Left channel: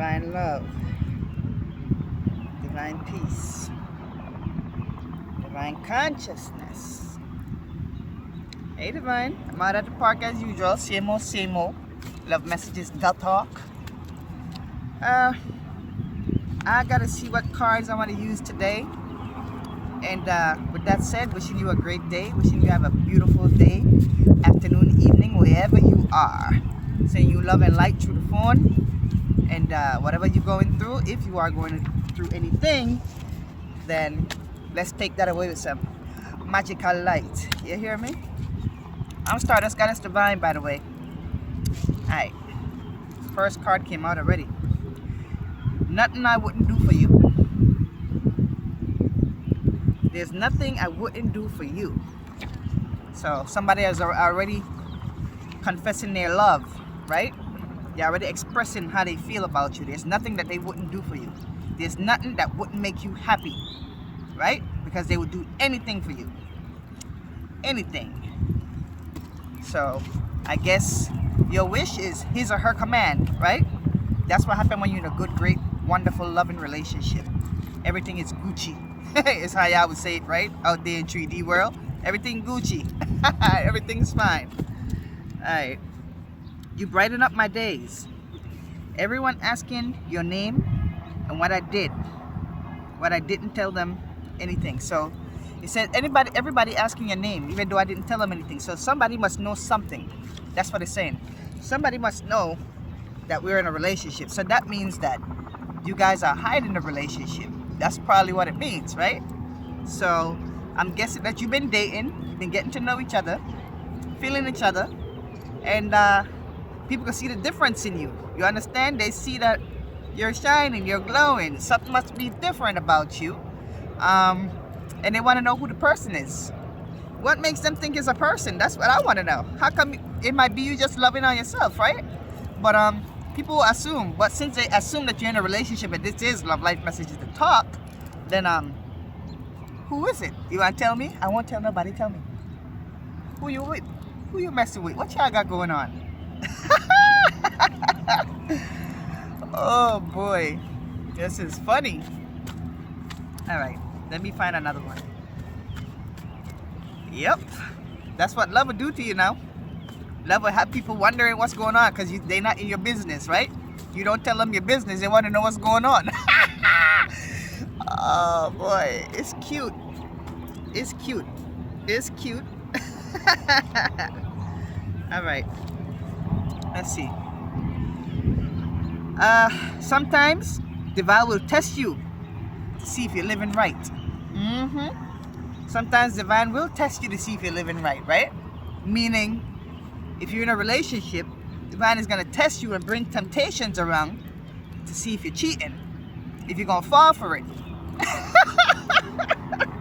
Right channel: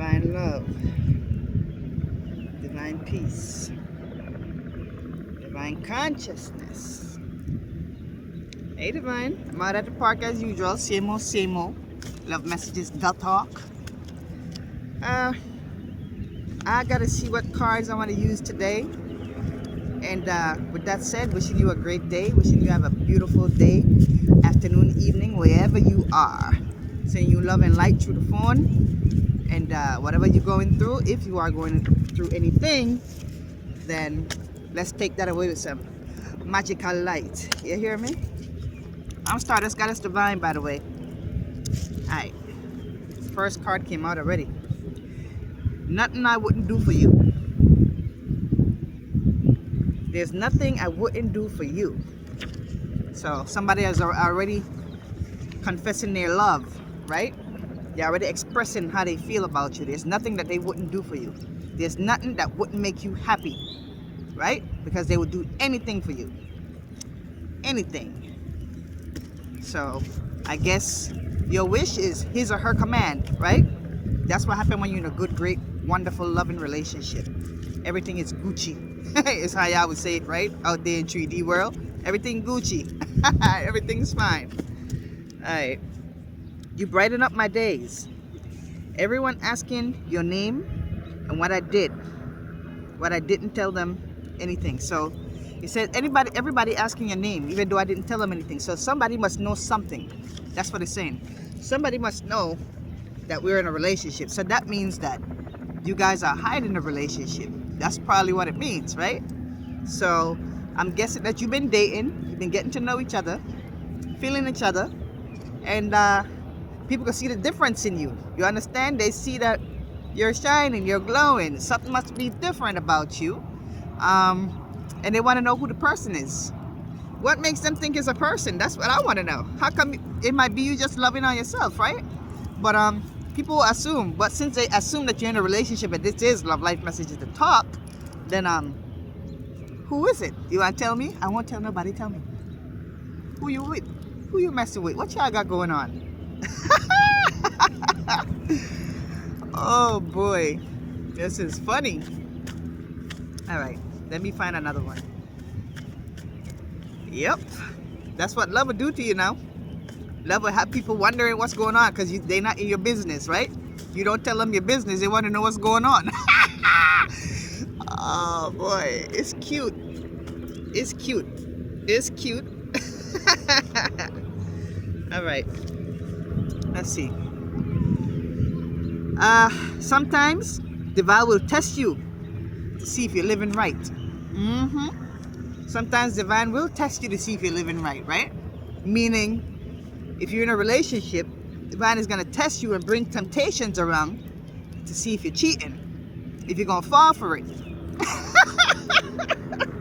divine love, divine peace, divine consciousness. Hey, divine. I'm out at the park as usual. Same old, same old. Love messages, talk. I gotta see what cards I want to use today. And with that said, wishing you a great day. Wishing you have a beautiful day, afternoon, evening, wherever you are. Sending you love and light through the phone. And whatever you're going through, if you are going through anything, then let's take that away with some magical light. You hear me? I'm Stardust Goddess Divine, by the way. Alright. First card came out already. Nothing I wouldn't do for you. There's nothing I wouldn't do for you. So somebody has already confessing their love, right? They're already expressing how they feel about you. There's nothing that they wouldn't do for you. There's nothing that wouldn't make you happy, right? Because they would do anything for you. Anything. So I guess your wish is his or her command, right? That's what happens when you're in a good, great, wonderful, loving relationship. Everything is Gucci. Is how y'all would say it, right? Out there in 3D world. Everything Gucci. Everything's fine. Alright. You brighten up my days. Everyone asking your name and what I did. What I didn't tell them anything. So you said everybody asking your name, even though I didn't tell them anything. So somebody must know something. That's what it's saying. Somebody must know that we're in a relationship. So that means that you guys are hiding the relationship. That's probably what it means, right? So I'm guessing that you've been dating, you've been getting to know each other, feeling each other, and people can see the difference in you. You understand? They see that you're shining, you're glowing. Something must be different about you. And they want to know who the person is. What makes them think it's a person? That's what I want to know. How come it might be you just loving on yourself, right? But people will assume. But since they assume that you're in a relationship and this is Love Life Messages to talk, then who is it? You want to tell me? I won't tell nobody. Tell me. Who you with? Who you messing with? What y'all got going on? Oh boy, this is funny. All right, let me find another one. Yep, that's what love will do to you now. Love will have people wondering what's going on because they're not in your business, right? You don't tell them your business, they want to know what's going on. Oh boy, it's cute. It's cute. It's cute. All right, let's see. Sometimes Divine will test you to see if you're living right. Sometimes Divine will test you to see if you're living right? Meaning, if you're in a relationship, Divine is going to test you and bring temptations around to see if you're cheating, if you're going to fall for it.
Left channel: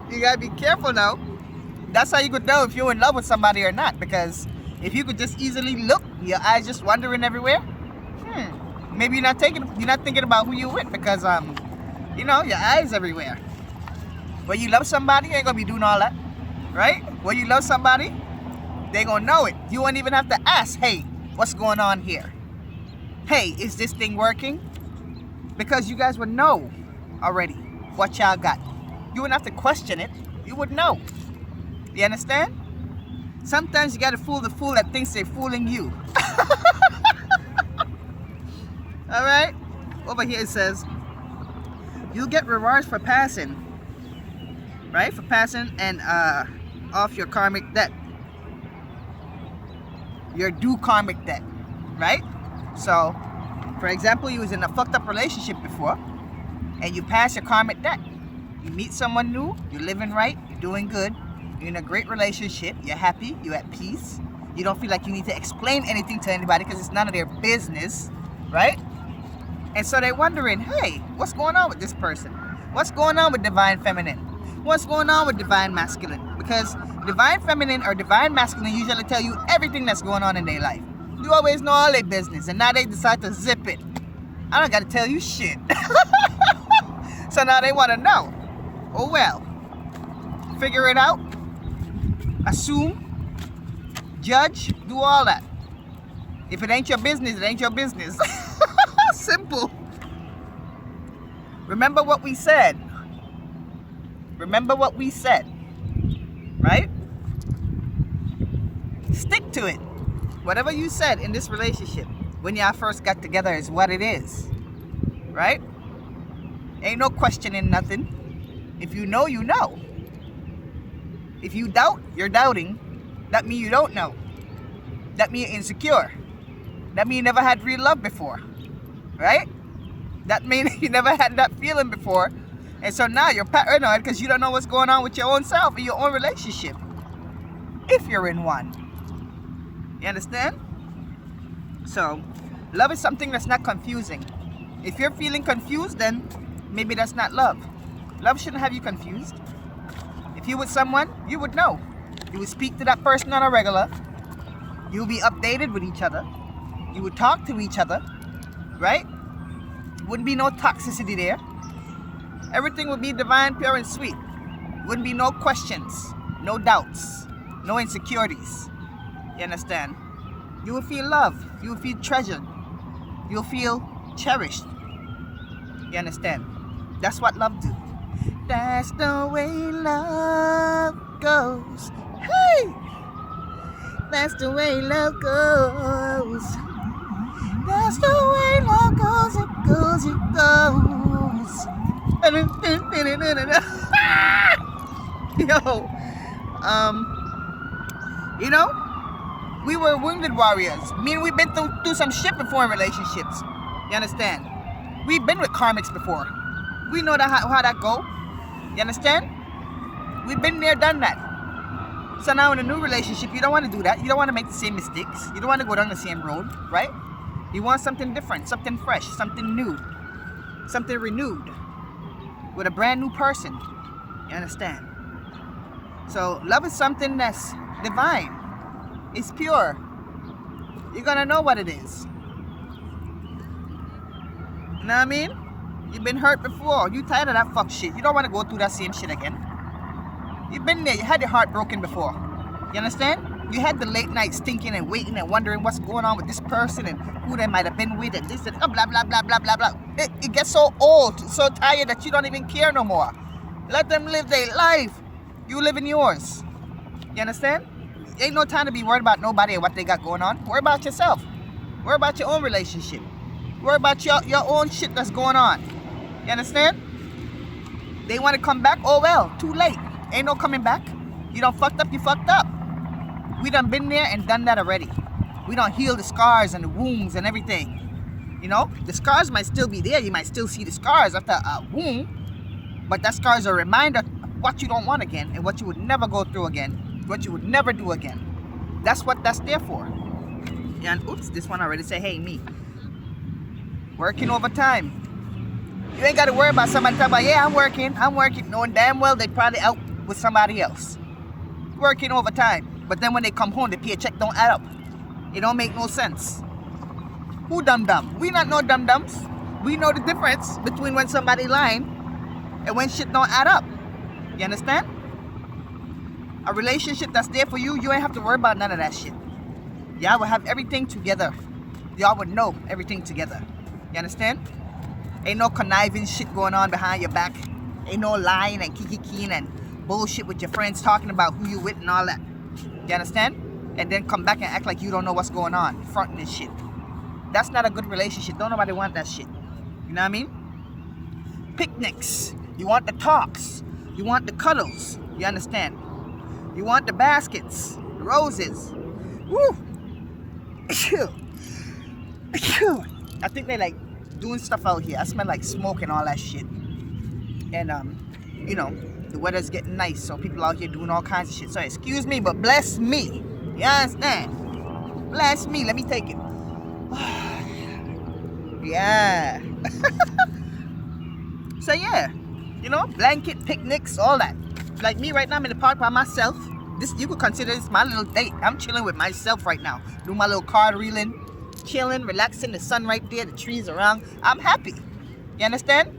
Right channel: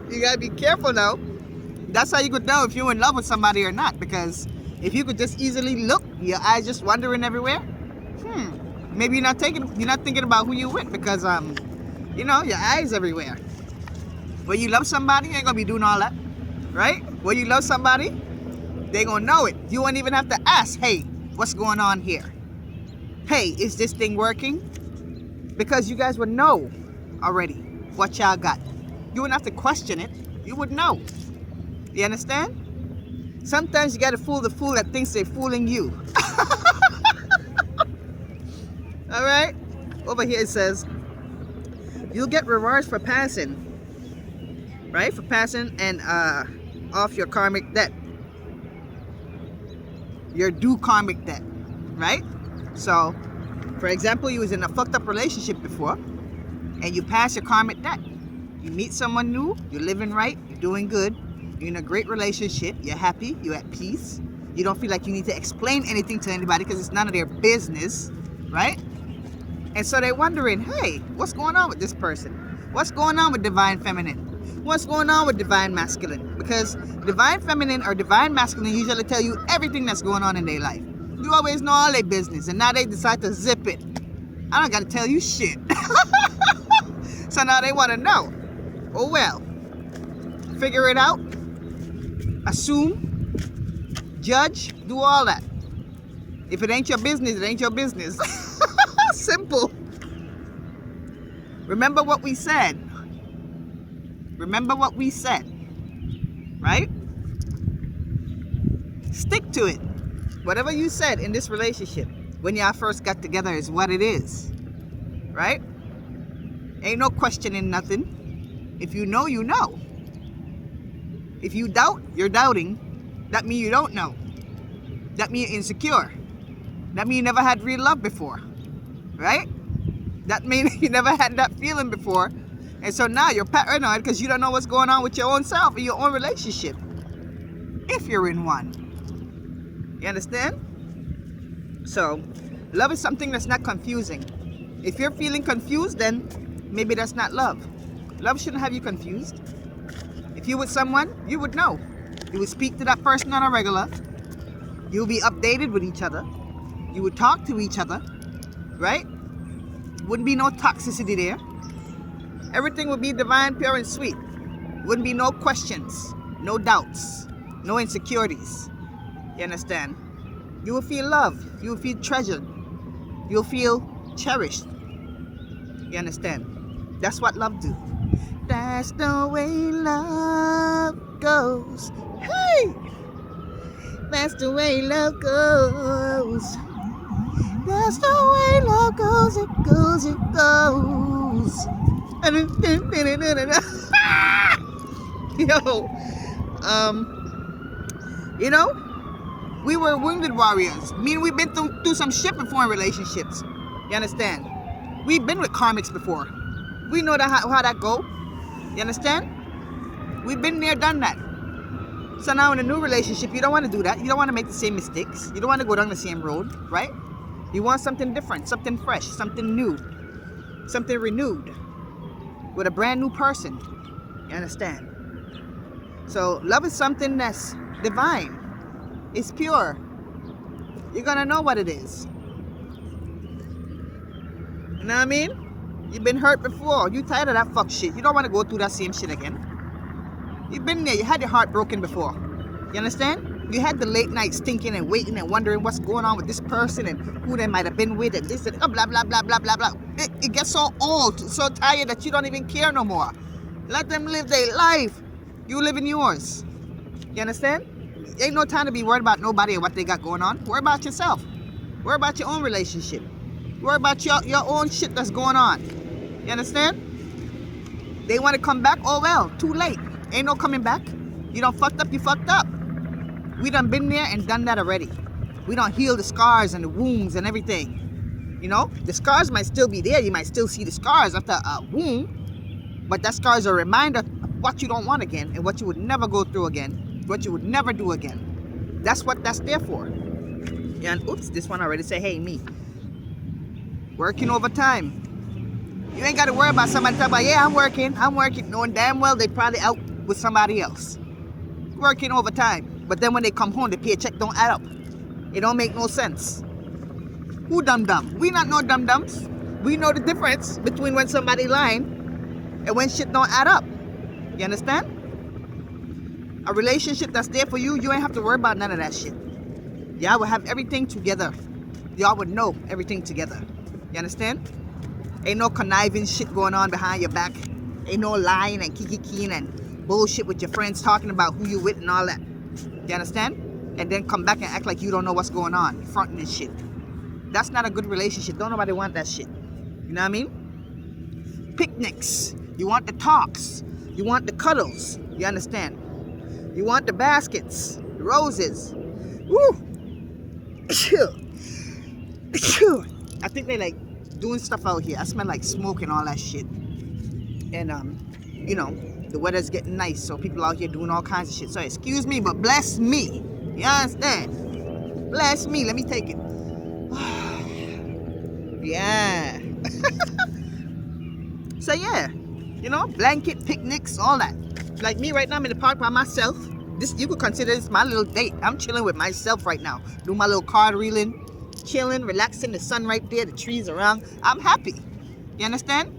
You got to be careful now. That's how you could know if you're in love with somebody or not, because if you could just easily look, your eyes just wandering everywhere, maybe you're not thinking about who you're with because, your eyes everywhere. When you love somebody, you ain't going to be doing all that, right? When you love somebody, they're going to know it. You won't even have to ask, hey, what's going on here? Hey, is this thing working? Because you guys would know already what y'all got. You wouldn't have to question it. You would know. You understand? Sometimes you got to fool the fool that thinks they're fooling you. All right? Over here it says, you'll get rewards for passing. Right? For passing and off your karmic debt. Your due karmic debt, right? So, for example, you was in a fucked up relationship before, and you pass your karmic debt. You meet someone new, you're living right, you're doing good, you're in a great relationship, you're happy, you're at peace, you don't feel like you need to explain anything to anybody because it's none of their business, right? And so they're wondering, hey, what's going on with this person? What's going on with Divine Feminine? What's going on with Divine Masculine? Because Divine Feminine or Divine Masculine usually tell you everything that's going on in their life. You always know all their business, and now they decide to zip it. I don't got to tell you shit. So now they want to know. Oh well. Figure it out. Assume. Judge. Do all that. If it ain't your business, it ain't your business. Simple. Remember what we said. Remember what we said. Right? Stick to it. Whatever you said in this relationship when y'all first got together is what it is. Right? Ain't no questioning nothing. If you know, you know. If you doubt, you're doubting. That means you don't know. That means you're insecure. That means you never had real love before. Right? That means you never had that feeling before. And so now you're paranoid because you don't know what's going on with your own self in your own relationship. If you're in one. You understand? So, love is something that's not confusing. If you're feeling confused, then maybe that's not love. Love shouldn't have you confused. If you're with someone, you would know. You would speak to that person on a regular. You would be updated with each other. You would talk to each other. Right? Wouldn't be no toxicity there. Everything would be divine, pure, and sweet. Wouldn't be no questions, no doubts, no insecurities. You understand? You will feel love. You will feel treasured. You will feel cherished. You understand? That's what love do. That's the way love goes. Hey! That's the way love goes. That's the way love goes. It goes, it goes. Yo, you know, we were wounded warriors. Meaning we've been through some shit before in relationships. You understand? We've been with karmics before. We know how that go. You understand? We've been there, done that. So now in a new relationship, you don't want to do that. You don't want to make the same mistakes. You don't want to go down the same road, right? You want something different, something fresh, something new, something renewed with a brand new person. You understand? So love is something that's divine. It's pure. You're gonna know what it is. You know what I mean? You've been hurt before. You tired of that fuck shit. You don't want to go through that same shit again. You've been there. You had your heart broken before. You understand? You had the late nights thinking and waiting and wondering what's going on with this person and who they might have been with and this and blah, blah, blah, blah, blah, blah. It gets so old, so tired that you don't even care no more. Let them live their life. You live in yours. You understand? Ain't no time to be worried about nobody and what they got going on. Worry about yourself. Worry about your own relationship. Worry about your own shit that's going on. You understand? They want to come back? Oh well, too late. Ain't no coming back. You done fucked up, you fucked up. We done been there and done that already. We done healed the scars and the wounds and everything. You know, the scars might still be there. You might still see the scars after a wound. But that scar is a reminder of what you don't want again and what you would never go through again. What you would never do again. That's what that's there for. Yeah, and oops, this one already say, hey, me. Working overtime. You ain't got to worry about somebody talking about, yeah, I'm working, knowing damn well they probably out with somebody else. Working overtime. But then when they come home, the paycheck don't add up. It don't make no sense. Who dum-dum? We not no dum-dums. We know the difference between when somebody lying and when shit don't add up. You understand? A relationship that's there for you, you ain't have to worry about none of that shit. Y'all will have everything together. Y'all would know everything together. You understand? Ain't no conniving shit going on behind your back. Ain't no lying and kikiking and bullshit with your friends talking about who you with and all that. You understand? And then come back and act like you don't know what's going on. Fronting and shit. That's not a good relationship. Don't nobody want that shit. You know what I mean? Picnics. You want the talks. You want the cuddles. You understand? You want the baskets. The roses. Woo! I think they like doing stuff out here. I smell like smoke and all that shit. And you know, the weather's getting nice, so people out here doing all kinds of shit. So excuse me, but bless me. You understand? Bless me. Let me take it. Yeah. So yeah, you know, blanket picnics, all that. Like me right now, I'm in the park by myself. This, you could consider this my little date. I'm chilling with myself right now. Doing my little card reeling. Chilling, relaxing, the sun right there, the trees around. I'm happy. You understand?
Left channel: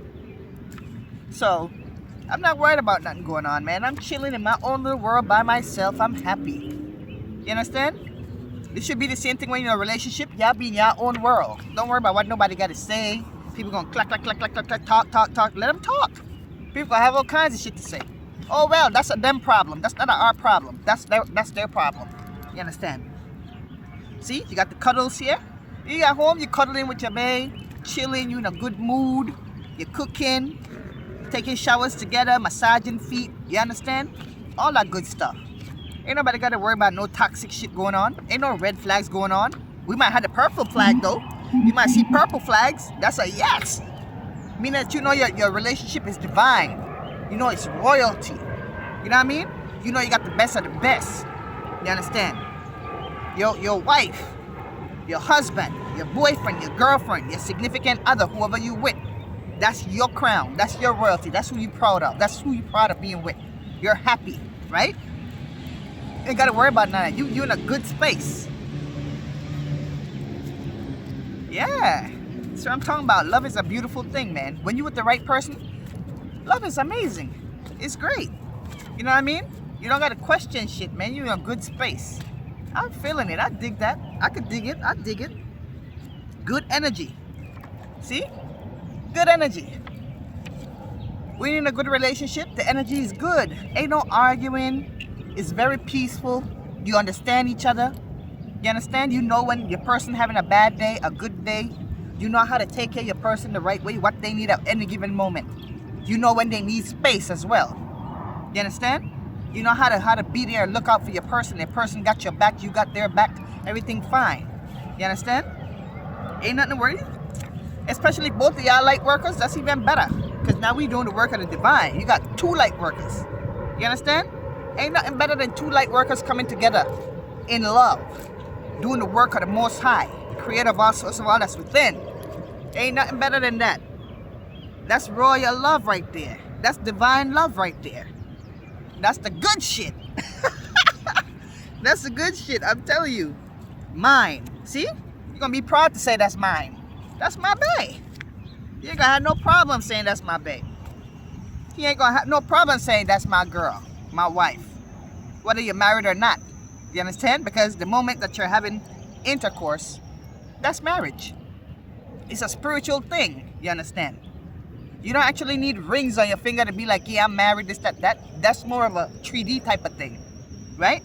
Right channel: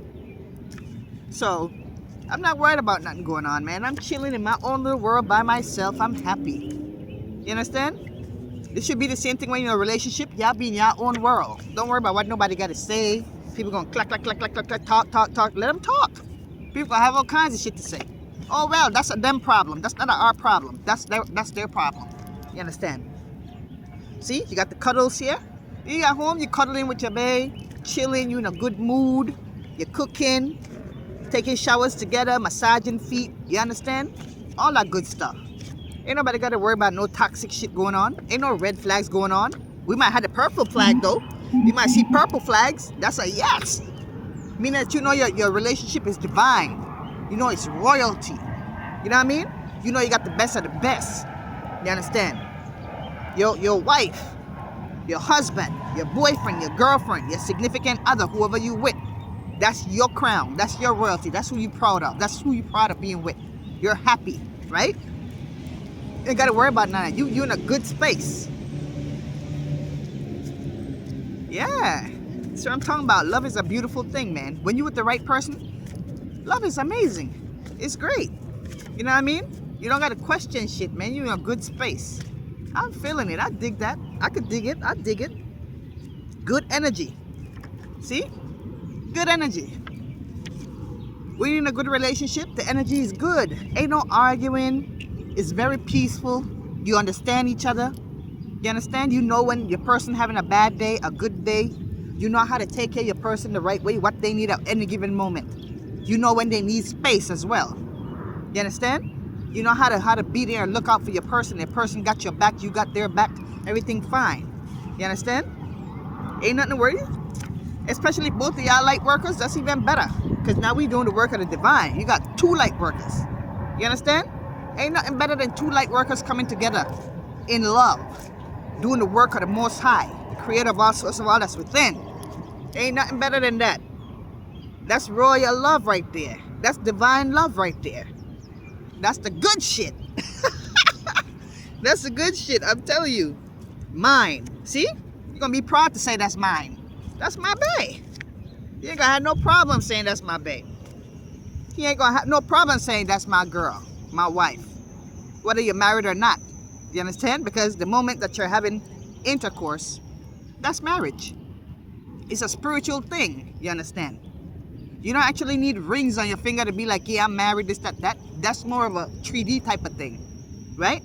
So, I'm not worried about nothing going on, man. I'm chilling in my own little world by myself. I'm happy. You understand? It should be the same thing when you're in a relationship. Y'all be in your own world. Don't worry about what nobody got to say. People gonna clack, clack, clack, clack, clack, clack, talk, talk, talk. Let them talk. People gonna have all kinds of shit to say. Oh well, that's a them problem. That's not our problem. That's their problem. You understand? See, you got the cuddles here. You at home, you cuddling with your babe, chilling, you in a good mood, you're cooking, taking showers together, massaging feet. You understand? All that good stuff. Ain't nobody got to worry about no toxic shit going on. Ain't no red flags going on. We might have the purple flag though. You might see purple flags. That's a yes. Meaning that you know your relationship is divine. You know it's royalty. You know what I mean? You know you got the best of the best. You understand? Your wife, your husband, your boyfriend, your girlfriend, your significant other, whoever you with, that's your crown. That's your royalty. That's who you proud of. That's who you proud of being with. You're happy, right? You ain't got to worry about none of that. You in a good space. Yeah. So I'm talking about love is a beautiful thing, man. When you with the right person, love is amazing. It's great. You know what I mean? You don't got to question shit, man. You're in a good space. I'm feeling it. I dig that. I could dig it. I dig it. Good energy. See? Good energy. When you're in a good relationship, the energy is good. Ain't no arguing. It's very peaceful. You understand each other. You understand? You know when your person having a bad day, a good day. You know how to take care of your person the right way, what they need at any given moment. You know when they need space as well. You understand? You know how to be there and look out for your person. The person got your back, you got their back. Everything fine. You understand? Ain't nothing to worry. Especially both of y'all light workers, that's even better. Because now we doing the work of the divine. You got two light workers. You understand? Ain't nothing better than two light workers coming together in love. Doing the work of the Most High. Creator of all source of all that's within. Ain't nothing better than that. That's royal love right there. That's divine love right there. That's the good shit. That's the good shit, I'm telling you. Mine. See? You're going to be proud to say that's mine. That's my bae. You ain't going to have no problem saying that's my bae. You ain't going to have no problem saying that's my girl, my wife. Whether you're married or not. You understand? Because the moment that you're having intercourse, that's marriage. It's a spiritual thing. You understand? You don't actually need rings on your finger to be like, yeah, I'm married, this, that. That's more of a 3D type of thing. Right?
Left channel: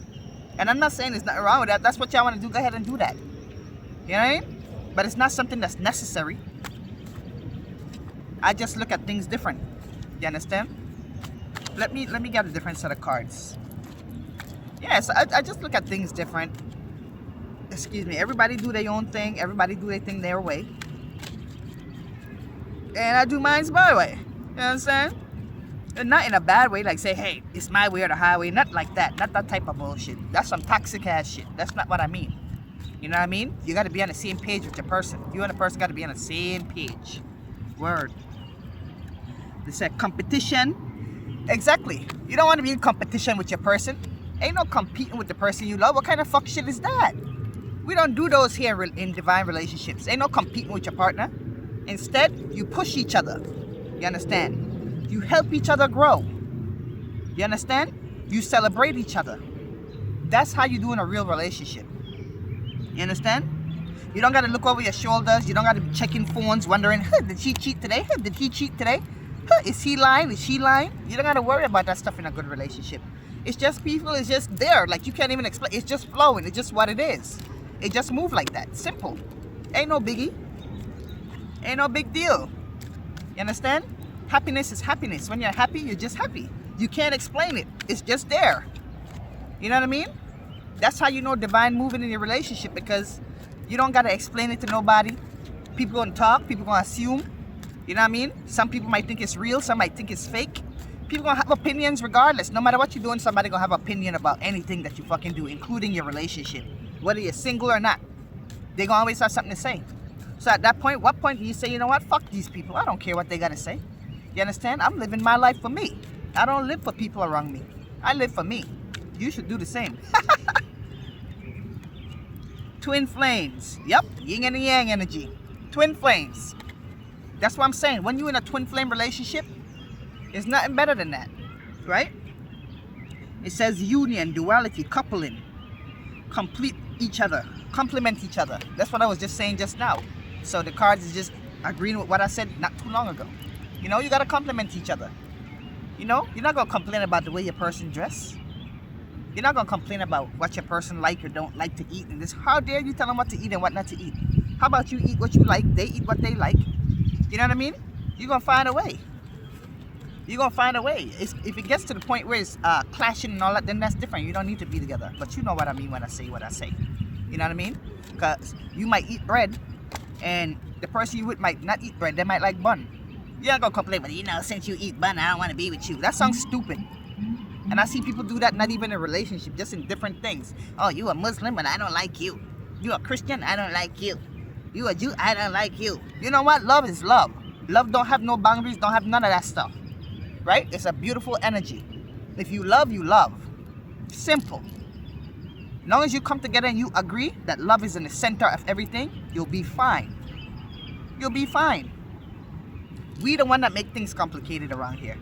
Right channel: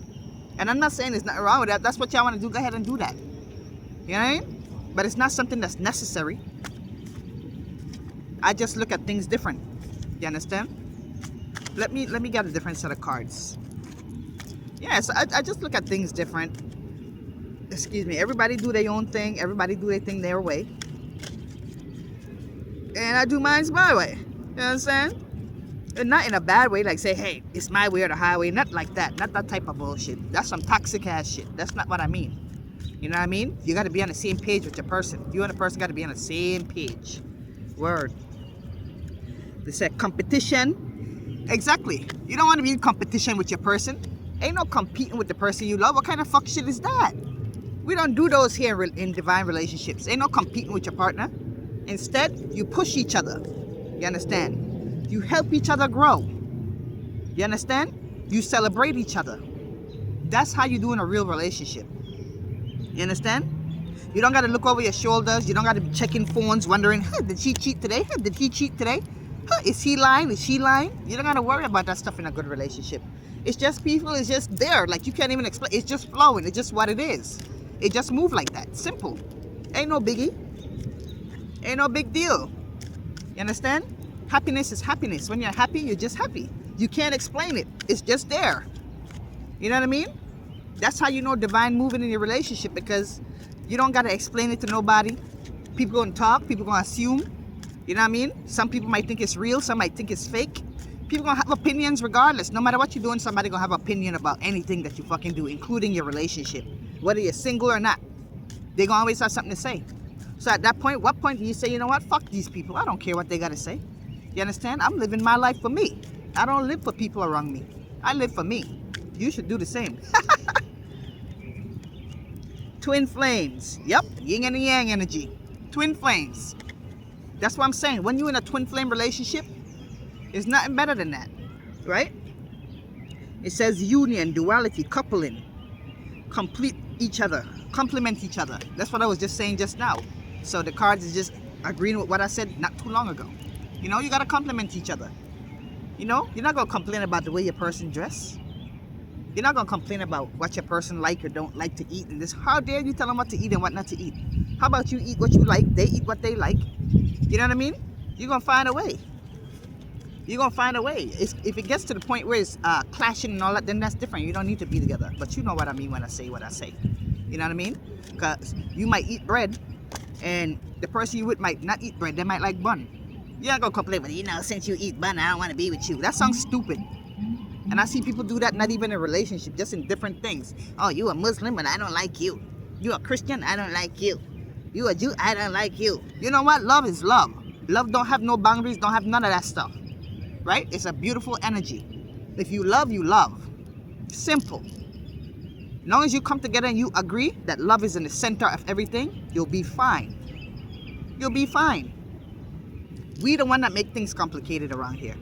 And I'm not saying there's nothing wrong with that. That's what y'all want to do. Go ahead and do that. You know what I mean? But it's not something that's necessary. I just look at things different. You understand? Let me get a different set of cards. Yes, I just look at things different. Excuse me. Everybody do their own thing. Everybody do their thing their way. And I do mine's my way. You know what I'm saying? And not in a bad way, like say, hey, it's my way or the highway. Not like that. Not that type of bullshit. That's some toxic ass shit. That's not what I mean. You know what I mean? You got to be on the same page with your person. You and the person got to be on the same page. Word. They said competition. Exactly. You don't want to be in competition with your person. Ain't no competing with the person you love. What kind of fuck shit is that? We don't do those here in divine relationships. Ain't no competing with your partner. Instead, you push each other. You understand? You help each other grow. You understand? You celebrate each other. That's how you do in a real relationship. You understand? You don't got to look over your shoulders. You don't got to be checking phones, wondering, huh, did she cheat today? Huh, did he cheat today? Huh, is he lying? Is she lying? You don't got to worry about that stuff in a good relationship. It's just people. It's just there. Like you can't even explain. It's just flowing. It's just what it is. It just moves like that. Simple. Ain't no biggie. Ain't no big deal. You understand? Happiness is happiness. When you're happy, you're just happy. You can't explain it. It's just there. You know what I mean? That's how you know divine moving in your relationship, because you don't got to explain it to nobody. People going to talk. People going to assume. You know what I mean? Some people might think it's real. Some might think it's fake. People going to have opinions regardless. No matter what you're doing, somebody going to have an opinion about anything that you fucking do, including your relationship. Whether you're single or not. They're going to always have something to say. So at that point, what point do you say, you know what? Fuck these people. I don't care what they got to say. You understand? I'm living my life for me. I don't live for people around me. I live for me. You should do the same. Twin flames. Yep. Yin and yang energy. Twin flames. That's what I'm saying. When you're in a twin flame relationship, there's nothing better than that. Right? It says union, duality, coupling. Complete each other. Complement each other. That's what I was just saying just now. So the cards is just agreeing with what I said not too long ago. You know, you gotta compliment each other. You know, you're not gonna complain about the way your person dress. You're not gonna complain about what your person like or don't like to eat. And this, how dare you tell them what to eat and what not to eat? How about you eat what you like, they eat what they like? You know what I mean? You're gonna find a way. You're gonna find a way. If it gets to the point where it's clashing and all that, then that's different. You don't need to be together. But you know what I mean when I say what I say. You know what I mean? Because you might eat bread, and the person you with might not eat bread. They might like bun. You're not gonna complain, but you know, since you eat bun, I don't want to be with you. That sounds stupid. And I see people do that not even in a relationship, just in different things. Oh, you a Muslim and I don't like you. You a Christian, I don't like you. You a Jew, I don't like you. You know what? Love is love. Love don't have no boundaries, don't have none of that stuff. Right? It's a beautiful energy. If you love, you love. Simple. As long as you come together and you agree that love is in the center of everything, you'll be fine. You'll be fine. We the one that make things complicated around here.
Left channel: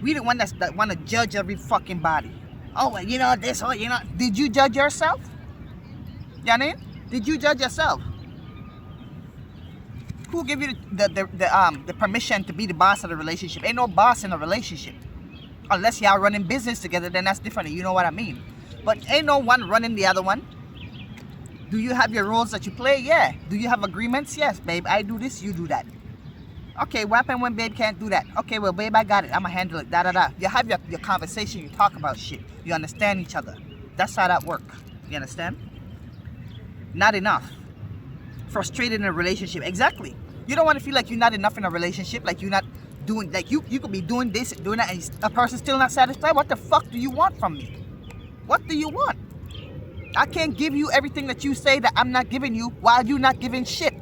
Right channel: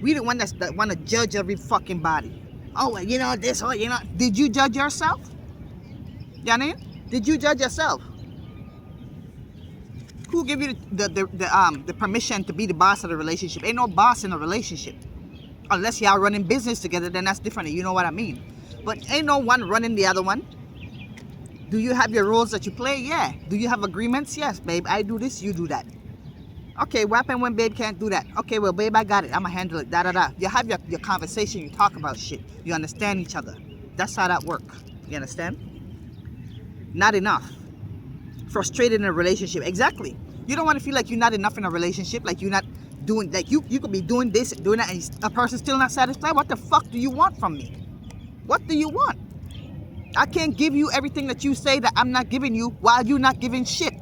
We the one that want to judge every fucking body. Oh, well, you know this, oh, you know. Did you judge yourself? You know what I mean? Did you judge yourself? Who give you the permission to be the boss of the relationship? Ain't no boss in a relationship. Unless y'all running business together, then that's different. You know what I mean? But ain't no one running the other one. Do you have your roles that you play? Yeah. Do you have agreements? Yes, babe. I do this, you do that. Okay, what happens when babe can't do that? Okay, well, babe, I got it. I'm going to handle it. Da-da-da. You have your conversation. You talk about shit. You understand each other. That's how that works. You understand? Not enough. Frustrated in a relationship. Exactly. You don't want to feel like you're not enough in a relationship. Like you're not doing, like you could be doing this, doing that, and a person's still not satisfied. What the fuck do you want from me? What do you want? I can't give you everything that you say that I'm not giving you while you're not giving shit.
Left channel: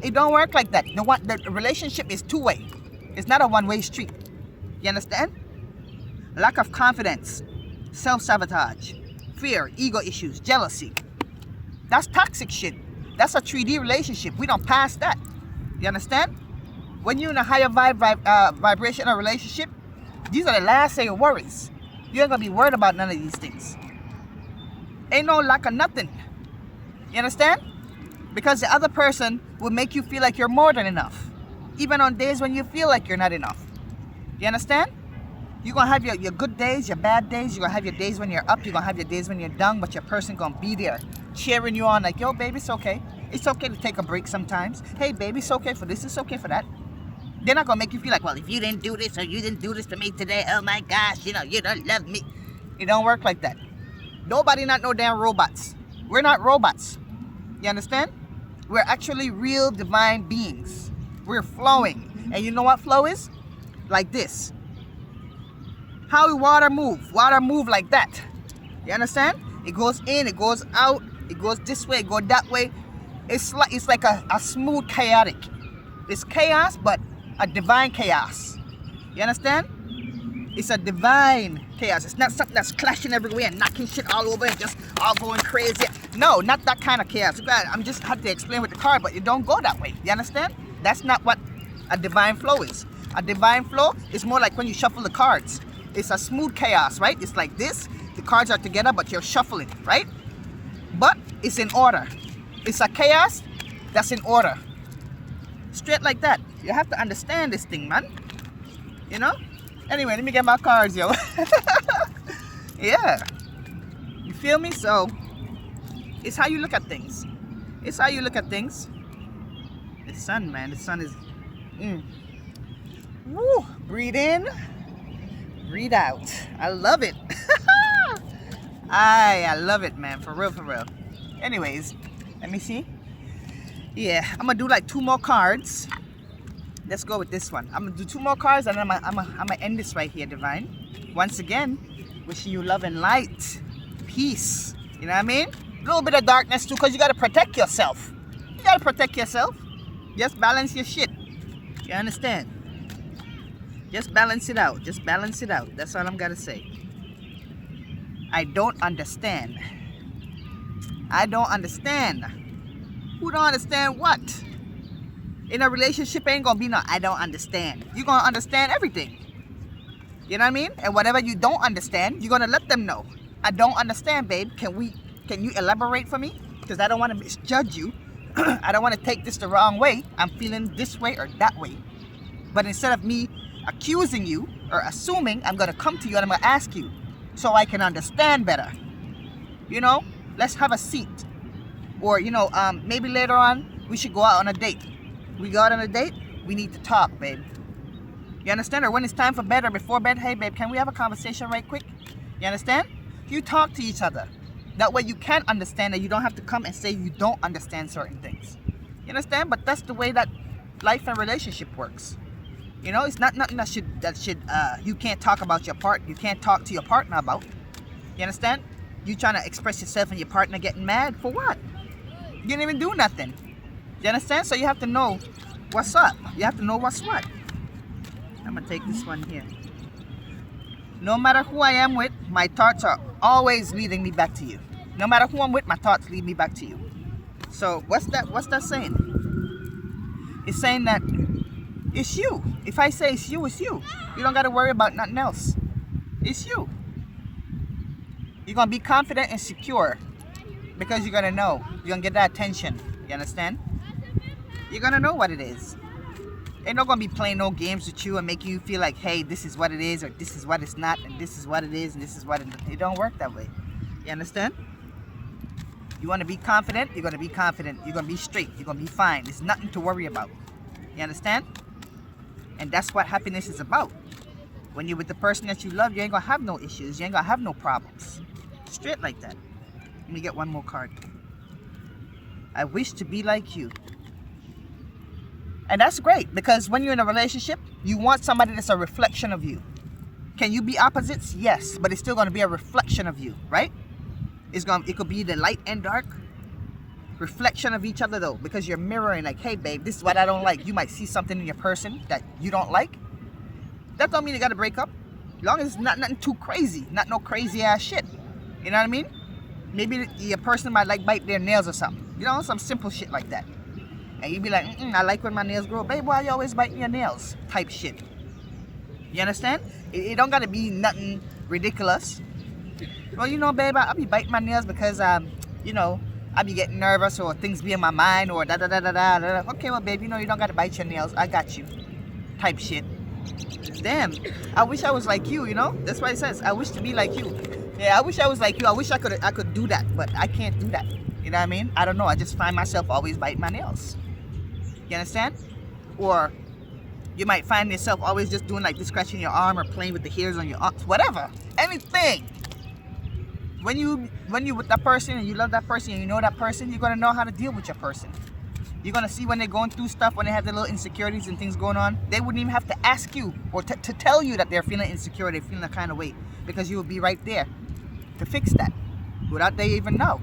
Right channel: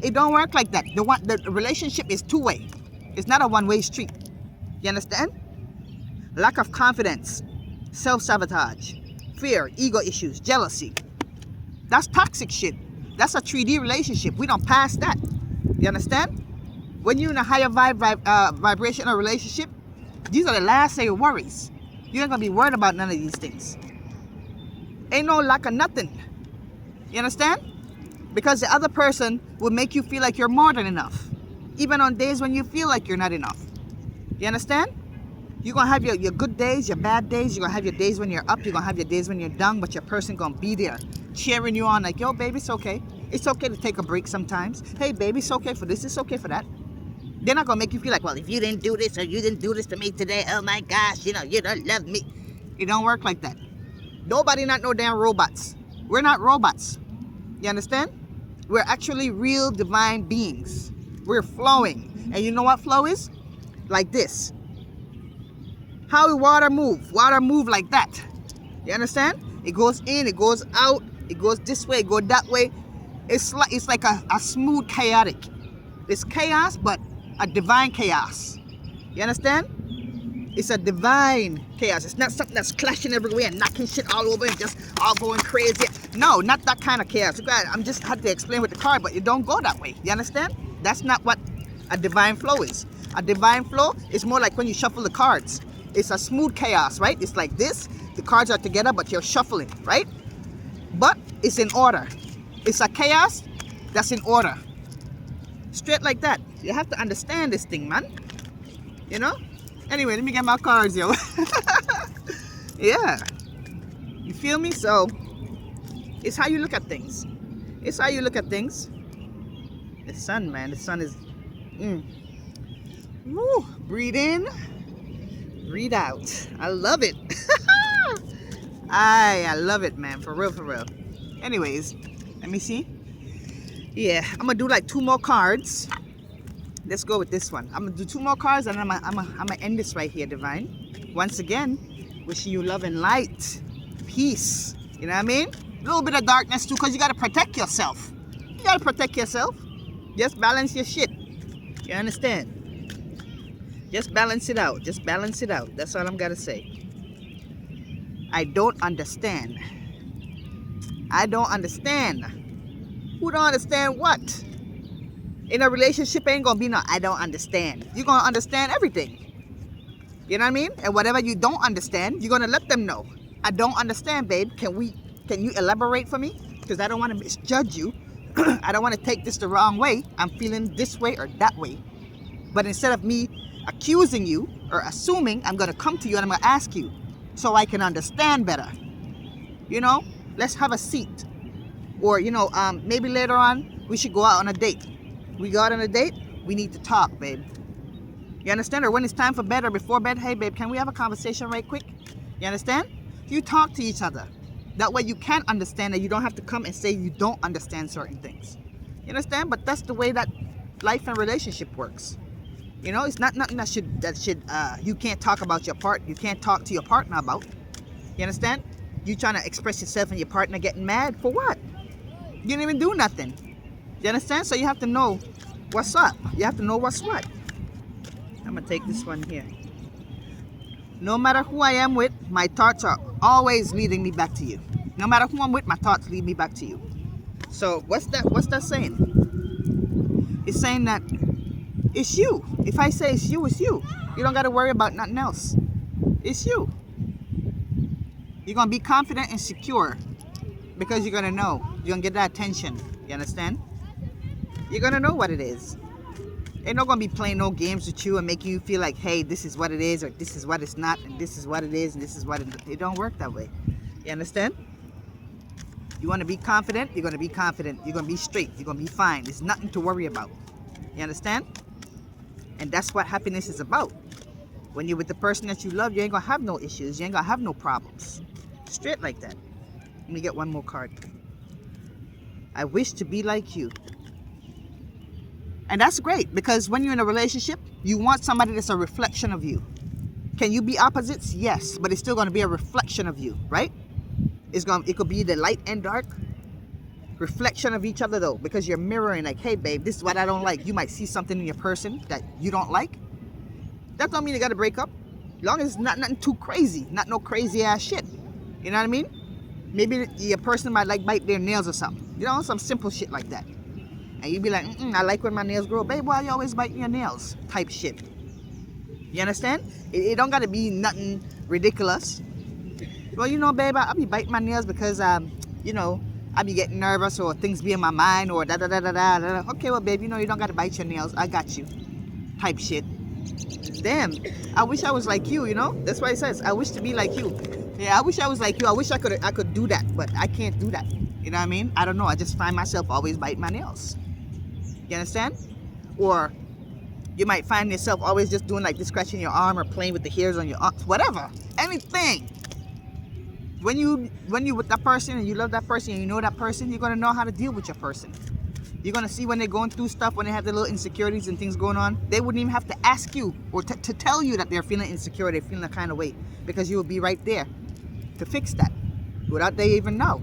It don't work like that. The relationship is two-way. It's not a one-way street. You understand? Lack of confidence, self-sabotage, fear, ego issues, jealousy. That's toxic shit. That's a 3D relationship. We don't pass that. You understand? When you're in a higher vibration or relationship, these are the last of your worries. You ain't gonna be worried about none of these things. Ain't no lack of nothing. You understand? Because the other person will make you feel like you're more than enough. Even on days when you feel like you're not enough. You understand? You're going to have your good days, your bad days. You're going to have your days when you're up. You're going to have your days when you're down. But your person going to be there cheering you on like, yo, baby, it's okay. It's okay to take a break sometimes. Hey, baby, it's okay for this. It's okay for that. They're not going to make you feel like, well, if you didn't do this or you didn't do this to me today, oh my gosh, you know, you don't love me. It don't work like that. Nobody not no damn robots. We're not robots. You understand? We're actually real divine beings. We're flowing. And you know what flow is? Like this. How will water move? Water move like that. You understand? It goes in, it goes out, it goes this way, it goes that way. It's like a smooth chaotic. It's chaos, but a divine chaos. You understand? It's a divine chaos. It's not something that's clashing everywhere and knocking shit all over and just all going crazy. No, not that kind of chaos. I'm just had to explain with the card, but you don't go that way. You understand? That's not what a divine flow is. A divine flow is more like when you shuffle the cards. It's a smooth chaos, right? It's like this. The cards are together, but you're shuffling, right? But it's in order. It's a chaos that's in order. Straight like that. You have to understand this thing, man. You know? Anyway, let me get my cards, yo. Yeah. You feel me? So, it's how you look at things. It's how you look at things. The sun, man. The sun is... Woo. Breathe in. Breathe out. I love it. I love it, man. For real, for real. Anyways, let me see. Yeah, I'm going to do like 2 more cards. Let's go with this one. I'm going to do 2 more cards and I'm gonna end this right here, Divine. Once again, wishing you love and light. Peace. You know what I mean? A little bit of darkness too, because you got to protect yourself. You got to protect yourself. Just balance your shit. You understand? Just balance it out. Just balance it out. That's all I'm going to say. I don't understand. I don't understand. Who don't understand what? In a relationship ain't gonna be no I don't understand. You're gonna understand everything. You know what I mean? And whatever you don't understand, you're gonna let them know. I don't understand, babe. Can you elaborate for me? Because I don't want to misjudge you I don't want to take this the wrong way. I'm feeling this way or that way. But instead of me accusing you or assuming, I'm going to come to you and I'm going to ask you so I can understand better. You know, let's have a seat. Or, you know, maybe later on, we should go out on a date. We go out on a date, we need to talk, babe. You understand? Or when it's time for bed or before bed, hey, babe, can we have a conversation right quick? You understand? You talk to each other. That way you can understand that you don't have to come and say you don't understand certain things. You understand? But that's the way that life and relationship works. You know, it's not nothing that should you can't talk about you can't talk to your partner about. You understand? You trying to express yourself and your partner getting mad for what? You didn't even do nothing. You understand? So you have to know what's up. You have to know what's what. I'm gonna take this one here. No matter who I am with, my thoughts are always leading me back to you. No matter who I'm with, my thoughts lead me back to you. So what's that saying? It's saying that it's you. If I say it's you, it's you. You don't gotta worry about nothing else. It's you. You're gonna be confident and secure because you're gonna know. You're gonna get that attention. You understand? You're gonna know what it is. They're not gonna be playing no games with you and making you feel like, hey, this is what it is, or this is what it's not, and this is what it is, and this is what it is. It don't work that way. You understand? You wanna be confident, you're gonna be confident. You're gonna be straight, you're gonna be fine. There's nothing to worry about. You understand? And that's what happiness is about. When you're with the person that you love, you ain't gonna have no issues, you ain't gonna have no problems. Straight like that. Let me get one more card. I wish to be like you. And that's great, because when you're in a relationship, you want somebody that's a reflection of you. Can you be opposites? Yes, but it's still going to be a reflection of you, right? It could be the light and dark reflection of each other, though, because you're mirroring, like, hey, babe, this is what I don't like. You might see something in your person that you don't like. That don't mean you got to break up. As long as it's not nothing too crazy, not no crazy ass shit. You know what I mean? Maybe your person might like bite their nails or something. You know, some simple shit like that. And you be like, I like when my nails grow. Babe, why you always biting your nails? Type shit. You understand? It don't gotta be nothing ridiculous. Well, you know, babe, I'll be biting my nails because, you know, I be getting nervous or things be in my mind or da-da-da-da-da. Okay, well, babe, you know, you don't gotta bite your nails. I got you. Type shit. Damn, I wish I was like you, you know? That's why it says, I wish to be like you. Yeah, I wish I was like you. I wish I could do that, but I can't do that. You know what I mean? I don't know. I just find myself always biting my nails. You understand? Or you might find yourself always just doing like this, scratching your arm or playing with the hairs on your arm, whatever, anything. When you with that person and you love that person and you know that person, you're gonna know how to deal with your person. You're gonna see when they're going through stuff, when they have their little insecurities and things going on. They wouldn't even have to ask you or to tell you that they're feeling insecure, they're feeling that kind of way, because you will be right there to fix that without they even know.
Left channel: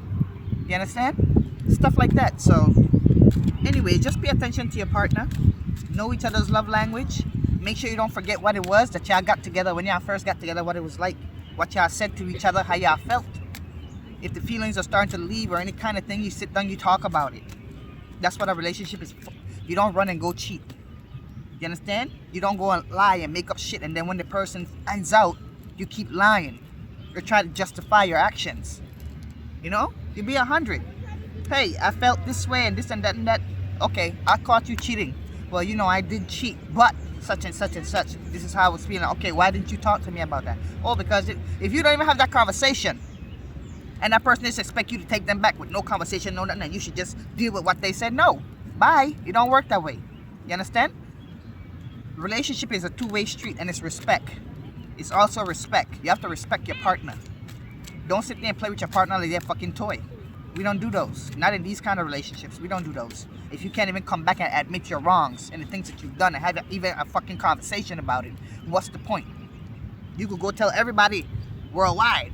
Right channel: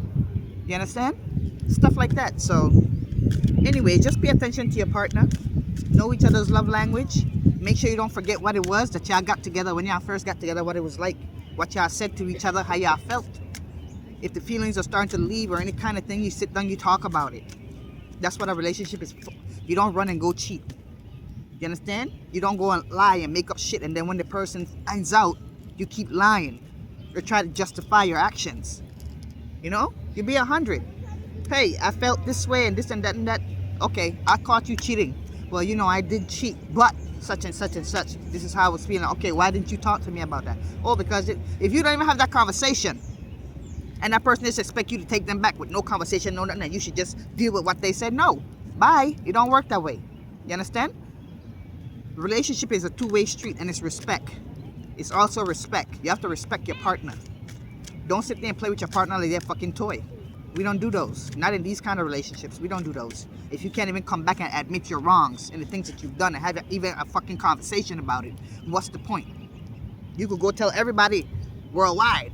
You understand? Stuff like that. So anyway, just pay attention to your partner. Know each other's love language. Make sure you don't forget what it was that y'all got together, when y'all first got together, what it was like, what y'all said to each other, how y'all felt. If the feelings are starting to leave or any kind of thing, you sit down, you talk about it. That's what a relationship is for. You don't run and go cheat. You understand? You don't go and lie and make up shit, and then when the person finds out, you keep lying. You're trying to justify your actions. You know? You be 100. Hey, I felt this way and this and that and that. Okay, I caught you cheating. Well, you know, I did cheat, but such and such and such. This is how I was feeling. Okay, why didn't you talk to me about that? Oh, because if you don't even have that conversation, and that person just expect you to take them back with no conversation, no nothing, and you should just deal with what they said. No, bye. It don't work that way. You understand? Relationship is a two-way street, and it's respect. It's also respect. You have to respect your partner. Don't sit there and play with your partner like they're a fucking toy. We don't do those. Not in these kind of relationships. We don't do those. If you can't even come back and admit your wrongs and the things that you've done and have even a fucking conversation about it, what's the point? You could go tell everybody worldwide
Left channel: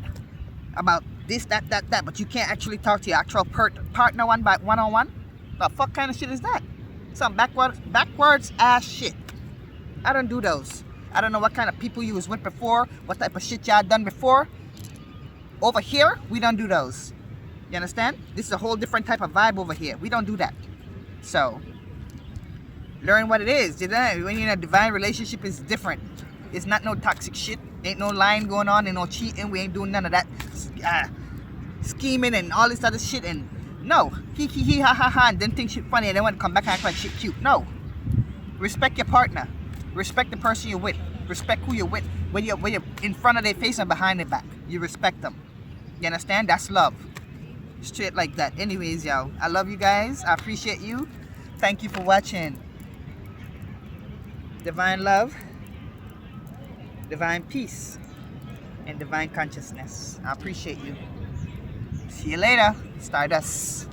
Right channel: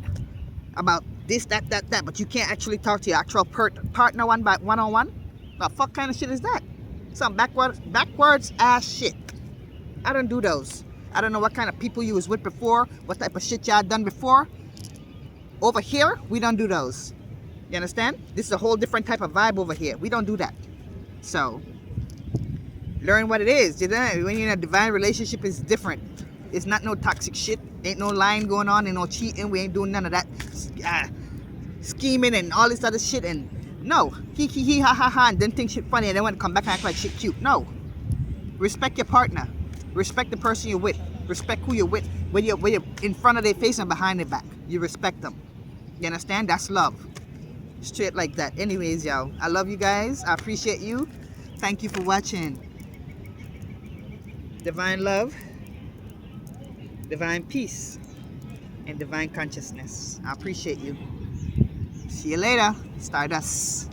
about this, that, but you can't actually talk to your actual partner one-on-one? The fuck kind of shit is that? Some backwards ass shit. I don't do those. I don't know what kind of people you was with before, what type of shit y'all done before. Over here, we don't do those. You understand? This is a whole different type of vibe over here. We don't do that. So, learn what it is. You know? When you're in a divine relationship, it's different. It's not no toxic shit. Ain't no lying going on, ain't no cheating. We ain't doing none of that scheming and all this other shit. And No. He, ha, ha, ha, and then think shit funny and then want to come back and act like shit cute. No. Respect your partner. Respect the person you're with. Respect who you're with. When you're in front of their face and behind their back. You respect them. You understand? That's love. Straight like that. Anyways, y'all. I love you guys. I appreciate you. Thank you for watching. Divine love, divine peace, and divine consciousness. I appreciate you. See you later. Stardust.